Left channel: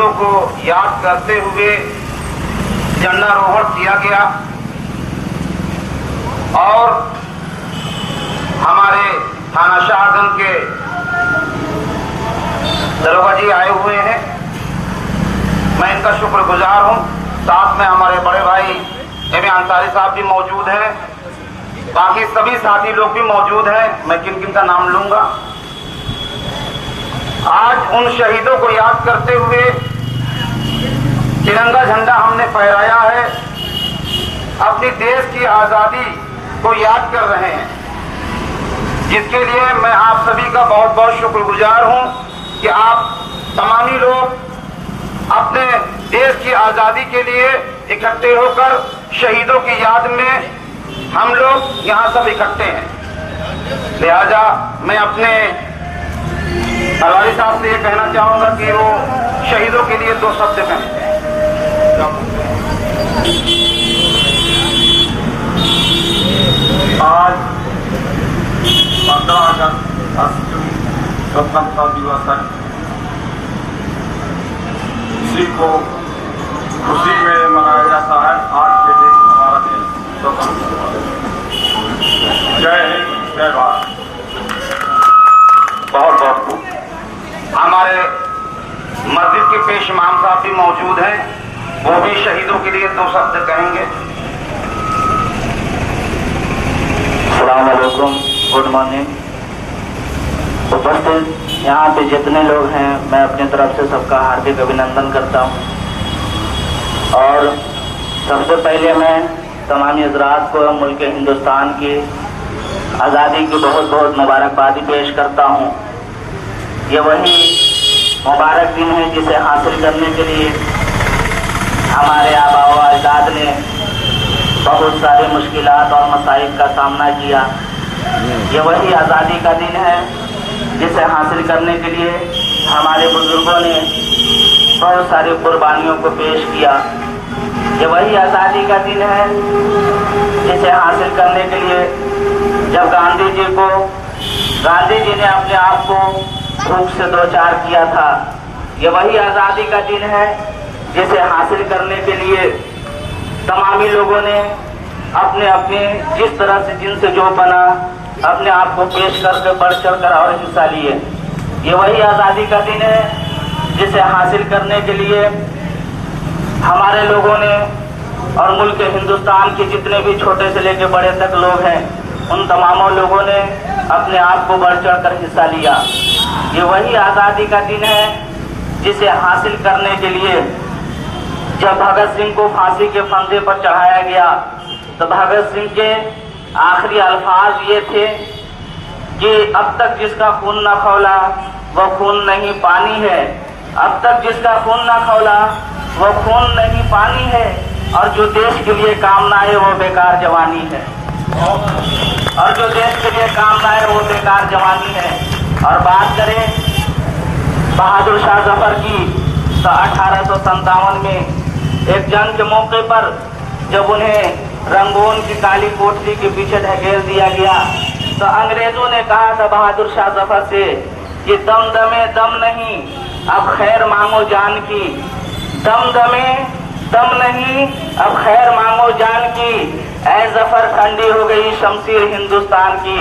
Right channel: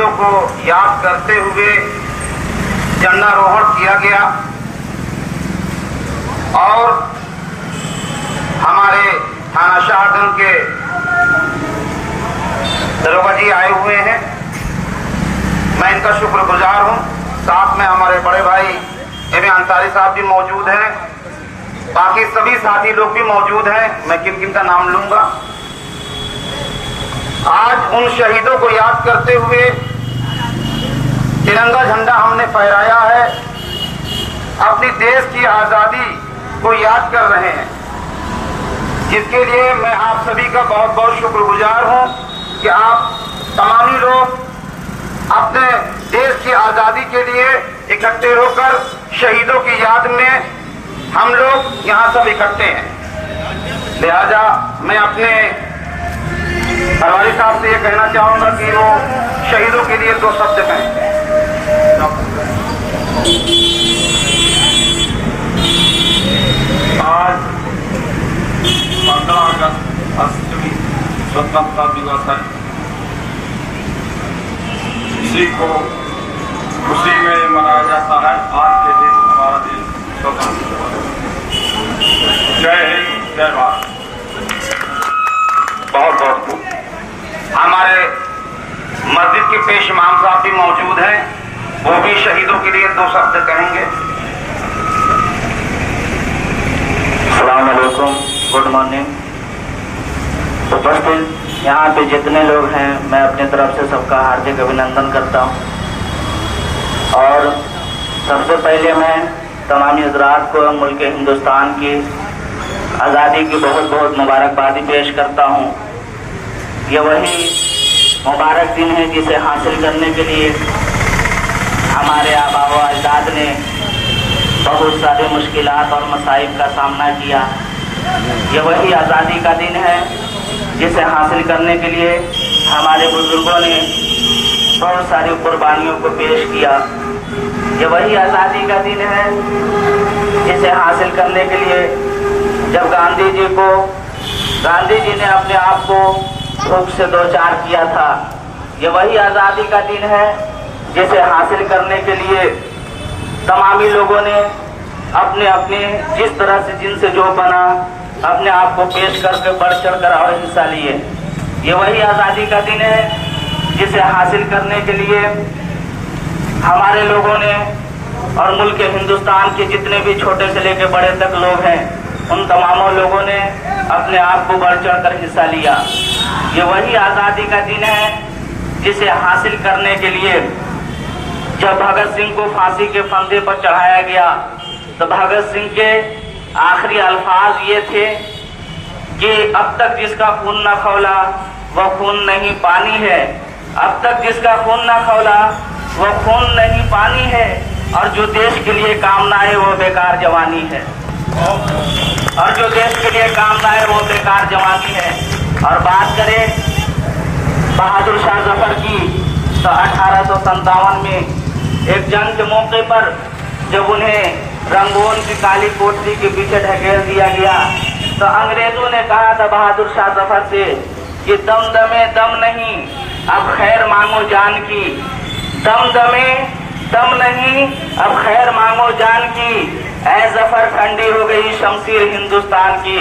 शहीदों को याद करते हुए झंडारोहण किया गया और हमारे थाना शाहगंज के दरोगा जी आए हुए हैं। मैं इनका शुक्रगुजार हूं। साथ में हमारे बड़े भाई एम अंसारी साहब भी मौजूद हैं, बाकी सभी साथी लोग भी मौजूद हैं। मैं किन किन का नाम लूंगा। आज उन शहीदों को याद करते हुए तिरंगा झंडा हमने फहराया है, अपनी देश की आजादी को याद कर रहे हैं, जिसके लिए मैं आप सभी का बहुत बहुत शुक्रगुजार हूं कि आप तमामी लोग अपने देश की आजादी के लिए इकट्ठे होकर शहीदों की याद में हम लोग यहां सब इकट्ठे हैं। लिहाजा मैं अपने अलवारी साहब से ये कहना चाहूंगा कि वो शहीदों के लिए 2 शब्द कहें। आज 15 अगस्त राष्ट्रीय स्वतंत्रता दिवस है। इसी को खुशी में मनाया जाता है। आज के दिन हमारा दिन स्वतंत्र हुआ। जय हिंद, जय भारत। बहुत बहुत खूब। हमारे मस्जिद के पेश इमाम साहब भी मौजूद हैं, वो भी शहीदों के लिए 2 शब्द कहेंगे। अस्सलाम वालेकुम, गुड मॉर्निंग। उपस्थित यहाँ पे जितने लोग हैं, मैं अपनी तरफ से सबका हार्दिक अभिनंदन करता हूँ। और सबसे पहले मैं तमामी हजरात को मुल्क हिंदुस्तान की आज़ादी की बहुत बहुत मुबारकबादी पेश करता हूँ। ये वही मुबारक दिन है जिसे हासिल करने के लिए हमारे आबा व अजदाद ने बहुत सारे मुश्किलात और मसाइब का सामना किया। ये वही आज़ादी का दिन है जिसे हासिल करने के लिए हमारे बुजुर्गों ने बहुत सारी कुर्बानियों को पेश किया। ये वही आज़ादी का दिन है जिसे हासिल करने के लिए जब गांधी जी ने अपने आप को भूख से दो-चार किया था। ये वही आज़ादी का दिन है जिसे हासिल करने के लिए तमामी लोगों ने अपने अपने जिस तरह से जिनसे जो बना अपने आप को पेश करके बढ़ चढ़ कर और हिस्सा लिए। ये वही आज़ादी का दिन है जिसे हासिल करने के लिए हमारे लोगों ने और मुल्क हिंदुस्तान के जितने भी छोटे से लेकर बड़े तक लोग हैं, उन तमामों लोगों ने अपने आप को बढ़ चढ़ कर हिस्सा लिया। ये वही आज़ादी का दिन है जिसे हासिल करने के लिए जब भगत सिंह को फांसी के फंदे पर चढ़ाया गया तो भगत सिंह के आखिरी अल्फाज ये थे कि अब तक जिसका खून न खौला वह खून नहीं पानी है, अब तक जिसका खून न खौला वह खून नहीं पानी है, और जो देश के लिए काम ना आए वो बेकार जवानी है, और जो देश के लिए काम ना आए वो बेकार जवानी है। और बात करें बहादुर शाह जफर की तो 1857 में एक जंग के मौके पर जब उन्हें रंगून की काली कोठरी के पीछे ढकेल दिया गया तो अंग्रेजों ने कहा था बहादुर शाह जफर से कि दम दमे दम नहीं, अब खैर मांगो जान की, दम दमे दम नहीं, अब खैर मांगो जान की, ऐ जफर ठंडी हो गई शमशीर हिंदुस्तान की।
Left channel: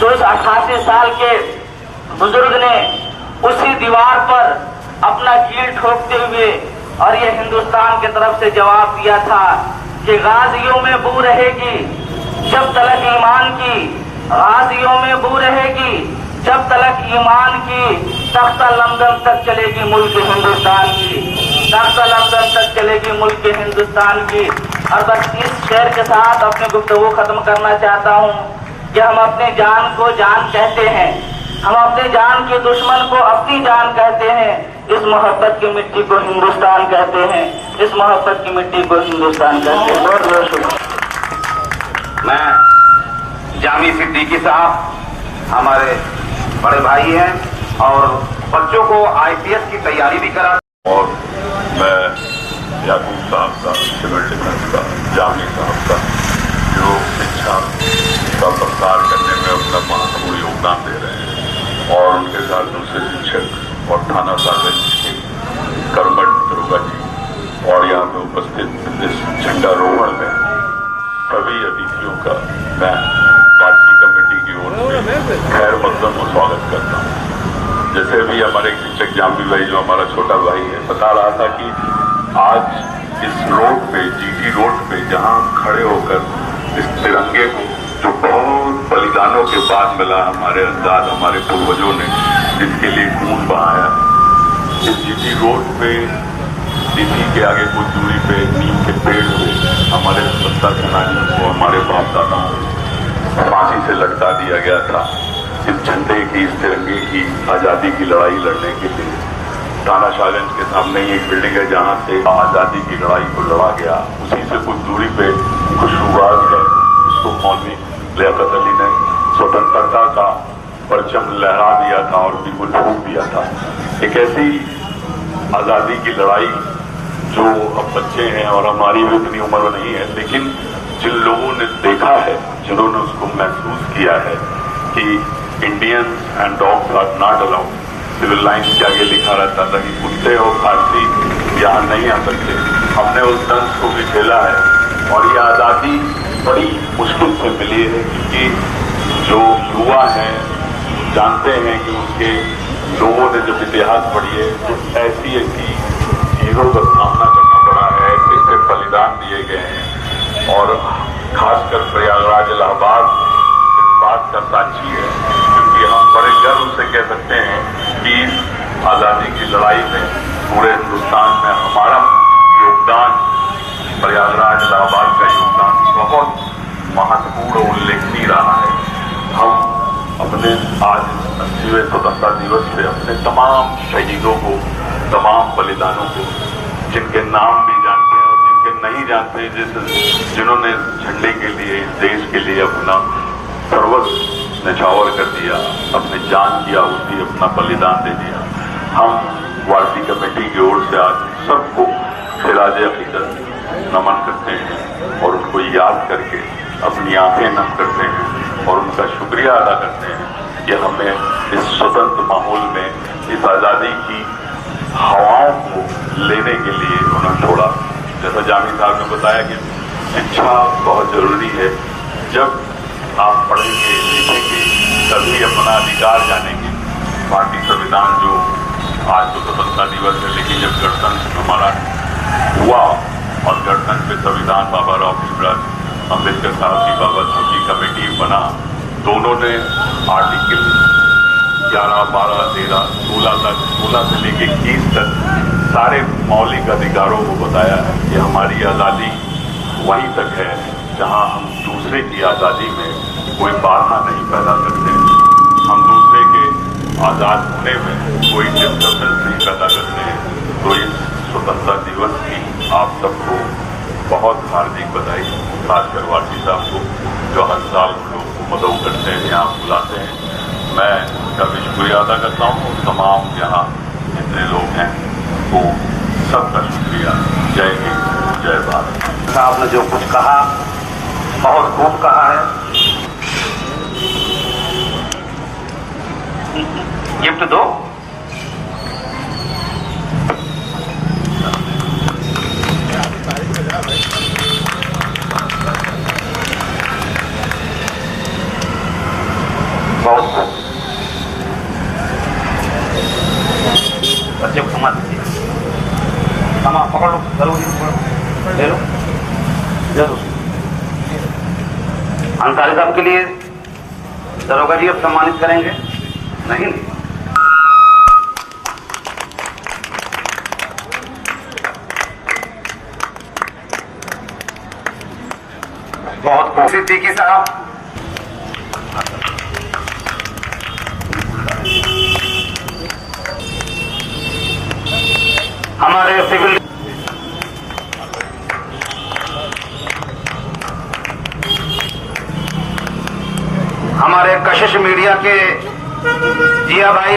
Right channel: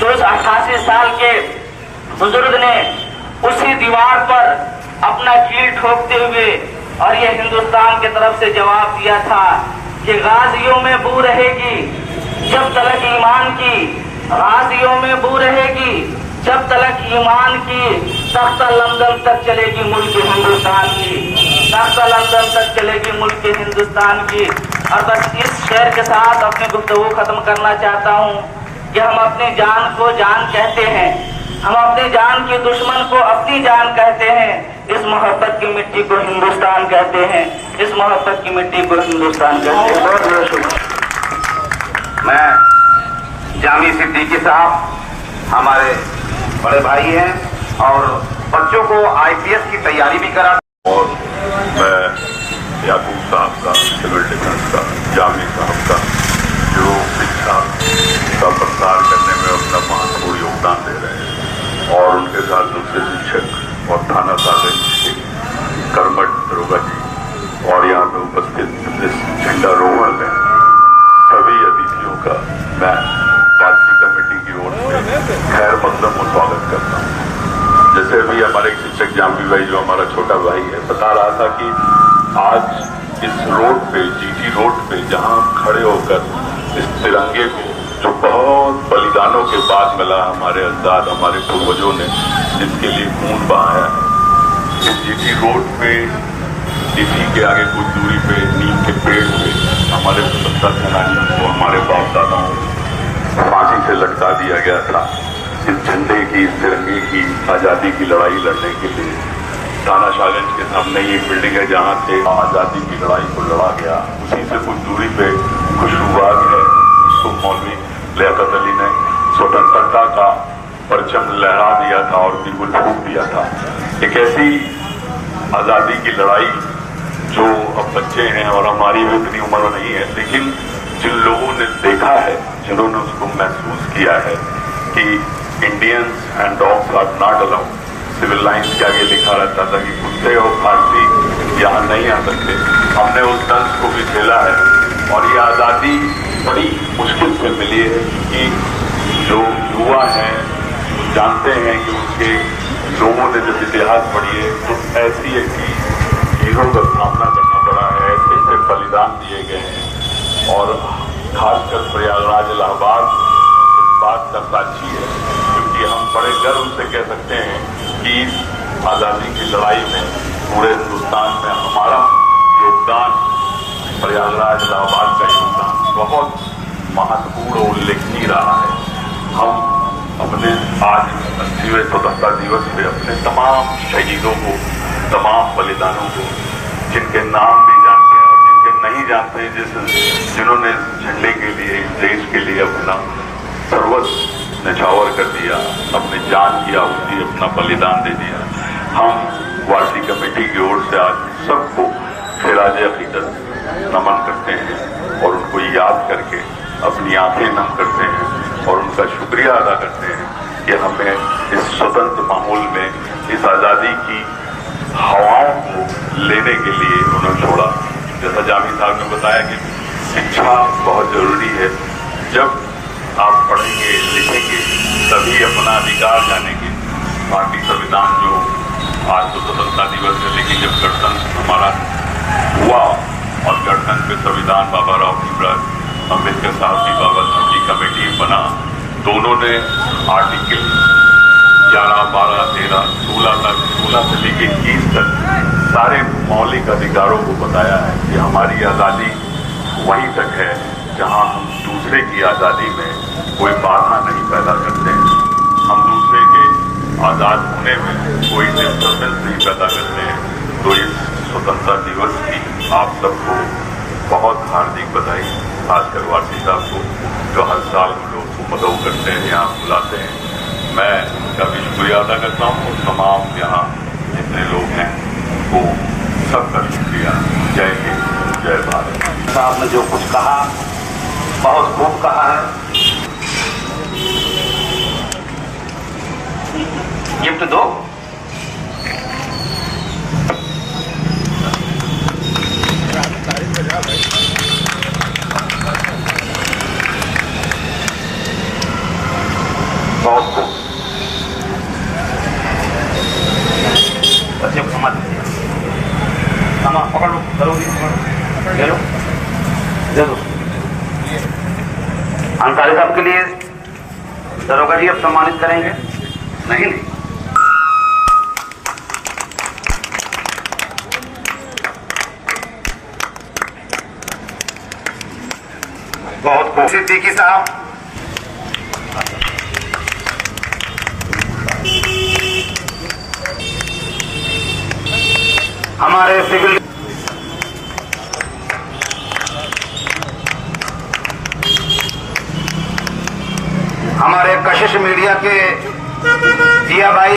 तो उस 88 साल के बुजुर्ग ने उसी दीवार पर अपना कील ठोकते हुए और ये हिंदुस्तान की तरफ से जवाब दिया था कि गाजियों में बू रहेगी जब तलक ईमान की, गाजियों में बू रहेगी जब तलक ईमान की, तख्ता लंदन तक चलेगी मुल्क हिंदुस्तान की, तख्ता लंदन तक चलेगी मुल्क हिंदुस्तान की। और बस इस शेर के साथ अपने गुफ्तगू खत्म करना चाहता हूँ कि हम अपनी जान को जान कहते हैं, हम अपने जान के दुश्मन को अपनी जान कहते हैं, इस मोहब्बत की मिट्टी को हिंदुस्तान कहते हैं, इस मोहब्बत की मिट्टी को हिंदुस्तान कहते हैं। बहुत बहुत शुक्रिया। मैं जामी सिद्दीकी साहब हमारे बड़े भाई हैं और बच्चों को IPS की तैयारी भी करा। और मैं याकूब साहब का, सिविल डिफेंस का, जामी साहब का जो शिक्षा का प्रसार करने में अपना महत्वपूर्ण योगदान दे रहे हैं, और उनके साथ दूसरे शिक्षक और थाना साहब कर्मठ दरोगा जी और यहाँ पे उपस्थित इस झंडारोहण में सभी अतिथियों का मैं पार्टी कमेटी की ओर से खैर मकदम को स्वागत करता हूँ। जैसे अभी हमारे शिक्षक जाम्बी भाई जो हमारा छोटा भाई है बता रहा था कि आज इस रोड पे जीटी रोड पे जहाँ खड़े होकर इस तिरंगे को जो बहुत बलिदानों के बाद मिला हमारे अजदाद हमारे पूर्वजों ने जिसके लिए खून बहाया, इस जीटी रोड पे दिल्ली के आगे कुछ दूरी पे नीम के पेड़ पे हमारे स्वतंत्रता सेनानियों को हमारे बाप दादाओं को फांसी से लटका दिया गया था। इस झंडे की इस तिरंगे की आजादी की लड़ाई लड़ने के लिए थाना शाहगंज के सामने ही एक बिल्डिंग है जहाँ से आजादी की लड़ाई को लड़ा गया। उसी से कुछ दूरी पे खुशबूबाज है जिसको मौलवी लियाकत अली ने स्वतंत्रता का परचम लहरा दिया था और बिल्कुल फूंक दिया था। एक ऐसी आजादी की लड़ाई जो अब बच्चे हैं और हमारी भी उतनी उम्र नहीं है, लेकिन जिन लोगों ने देखा है, जिन्होंने उसको महसूस किया है कि Indians and dogs are not allowed, Civil Lines के आगे लिखा रहता था कि कुत्ते और खांसी यहाँ नहीं आ सकते। हमने उस दंश को भी झेला है और ये आज़ादी बड़ी मुश्किल से मिली है क्योंकि जो युवा हैं जानते हैं कि उनके लोगों ने जब इतिहास पढ़ी है तो ऐसी ऐसी चीजों का सामना करना पड़ा है, ऐसे बलिदान दिए गए हैं और खासकर प्रयागराज इलाहाबाद इस बात का साक्षी है क्योंकि हम बड़े गर्व से कह सकते हैं कि आजादी की लड़ाई में पूरे हिंदुस्तान में हमारा योगदान, प्रयागराज इलाहाबाद का योगदान बहुत महत्वपूर्ण और उल्लेखनीय रहा है। हम अपने आज 80वें स्वतंत्रता दिवस पे अपने तमाम शहीदों को, तमाम बलिदानों को, जिनके नाम भी जानते हैं और जिनके नहीं जानते, जिन्होंने झंडे के लिए, देश के लिए अपना सर्वस्व न्यौछावर कर दिया, अपनी जान की आहुति, अपना बलिदान दे दिया। हम वार्षिक कमेटी की ओर से आज सबको खिराज अकीदत नमन करते हैं और उनको याद करके अपनी आंखें नम करते हैं और उनका शुक्रिया अदा करते हैं कि हमें इस स्वतंत्र माहौल में इस आज़ादी की हवाओं को लेने के लिए उन्होंने छोड़ा। जैसा जामी साहब ने बताया कि शिक्षा बहुत जरूरी है। जब आप पढ़ेंगे लिखेंगे तभी अपना अधिकार जानेंगे। भारतीय संविधान जो आज तो स्वतंत्रता दिवस है, लेकिन जब गणतंत्र हमारा हुआ और गणतंत्र पे संविधान बाबा राव भीमराव अम्बेडकर साहब की बाबत की कमेटी बना, दोनों ने आर्टिकल 11, 12, 13, 16 से लेकर 21 तक सारे मौलिक अधिकारों को बताया है कि हमारी आज़ादी वहीं तक है जहां हम दूसरे की आज़ादी में कोई बाधा नहीं पैदा करते, हम दूसरे के आज़ाद होने में कोई डिस्टर्बेंस नहीं पैदा करते हैं। तो इस स्वतंत्रता दिवस की आप सबको बहुत हार्दिक बधाई, खासकर वासी साहब को जो हर साल हम लोग को मदद करते हैं, यहाँ बुलाते हैं। मैं उनका भी शुक्रिया अदा करता हूँ। तमाम यहाँ जितने लोग हैं वो सबका शुक्रिया। जय हिंद, जय भारत। साहब ने जो कुछ कहा बहुत खूब कहा है। गिफ्ट दो। बहुत खूब। बच्चे को पकड़ लो, जरूरी ले लो, दे दो। अंसारी साहब के लिए दरोगा जी अब सम्मानित करेंगे। नहीं नहीं, बहुत खूब। सिद्दीकी साहब, हमारे सिविल हमारे कशिश मीडिया के जिया भाई,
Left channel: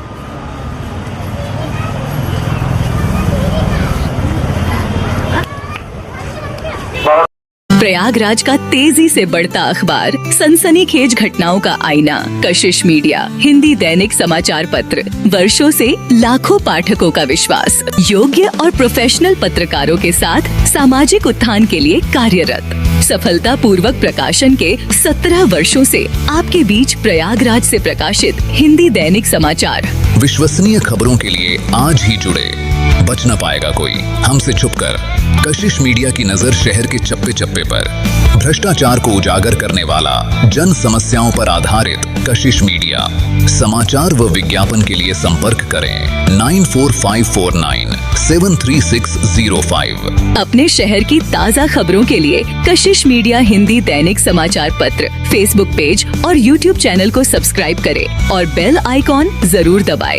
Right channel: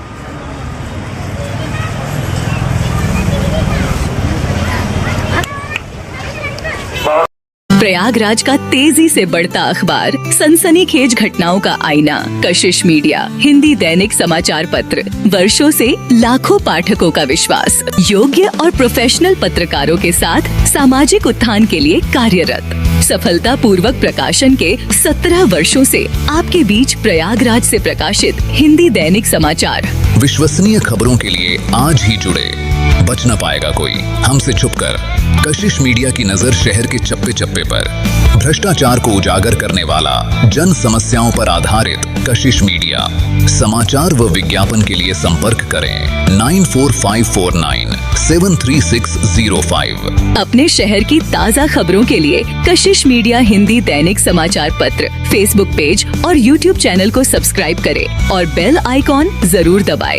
प्रयागराज का तेजी से बढ़ता अखबार, सनसनीखेज घटनाओं का आईना, कशिश मीडिया, हिंदी दैनिक समाचार पत्र, वर्षों से लाखों पाठकों का विश्वास, योग्य और प्रोफेशनल पत्रकारों के साथ सामाजिक उत्थान के लिए कार्यरत, सफलता पूर्वक प्रकाशन के 17 वर्षों से आपके बीच प्रयागराज से प्रकाशित हिंदी दैनिक समाचार। विश्वसनीय खबरों के लिए आज ही जुड़े, बच न पाएगा कोई हमसे छुपकर। कशिश मीडिया की नजर शहर के चप्पे चप्पे पर, भ्रष्टाचार को उजागर करने वाला, जन समस्याओं पर आधारित कशिश मीडिया। समाचार व विज्ञापन के लिए संपर्क करें 94549 73605। अपने शहर की ताज़ा खबरों के लिए कशिश मीडिया हिंदी दैनिक समाचार पत्र फेसबुक पेज और यूट्यूब चैनल को सब्सक्राइब करें और बेल आइकॉन जरूर दबाएं।